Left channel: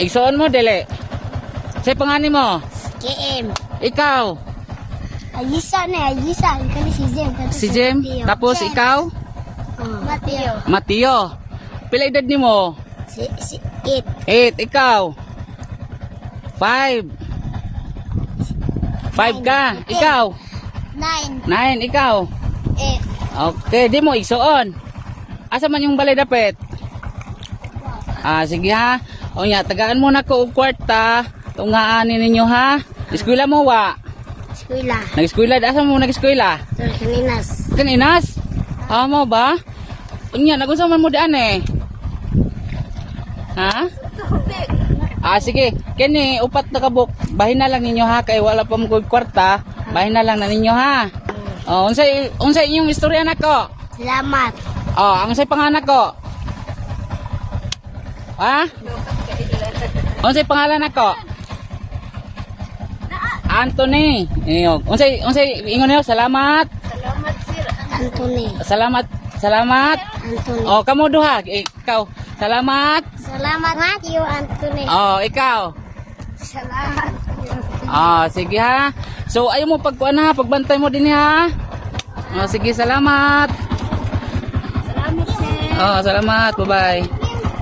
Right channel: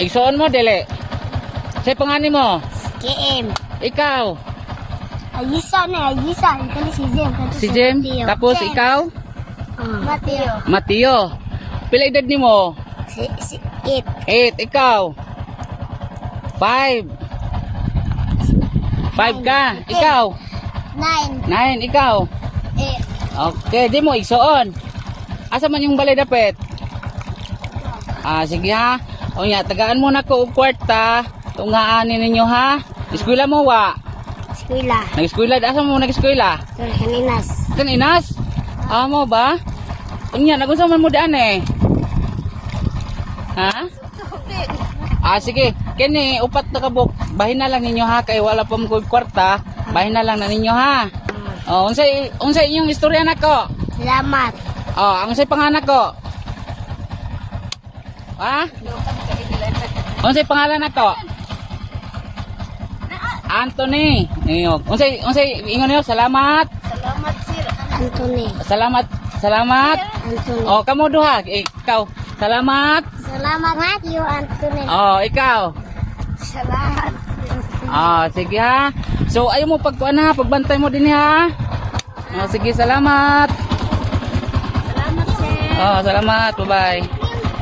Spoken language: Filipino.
Igsoon mo, dili. Say pangalan mo. KM. Ikaw. Ayisa na, Ayisa. Kani si Jem. Si Jem. Tapos ikaw. Mateo. Mateo. Pila edad ni mo? Si 8. 8. Ikaw. 5. 5 ka. Ikaw. 9. 9. Ikaw. 8. Okay, di mo igsoon. Asa man yung balay dapit? Sige ha. O nga, tagaan mo na ko og kwarta. Tungaanin ninyo ha. Eskwela mo wa? Eskwela. Nag-eskwela, asa mo nag-eskwela? Kaninas. Kaninas? Amo ba? Unya, nagunsa man mo diyan eh. Ha? Sige. Kini, upat na kabuk. Bahin na lang ninyo ha. Kay wala pa mo kwarta. Bahin na lang na ninyo ha. Unsay inyong istorya na ko? Salamat. Unsay panganak ko? Ha? Unsay pangalan nako? Anthony. Ayun. Unsay ingon niyo? Salamat. Salamat sir. Anthony. Salamat. Anthony. Kamo duha. Ikaw. Salamat. Salamat Matthew Anthony. Ikaw. Salamat. Sige ha. So ayo mo pagbantay mo din ha. Sige, salamat. Salamat sir. Salamat. Bye-bye.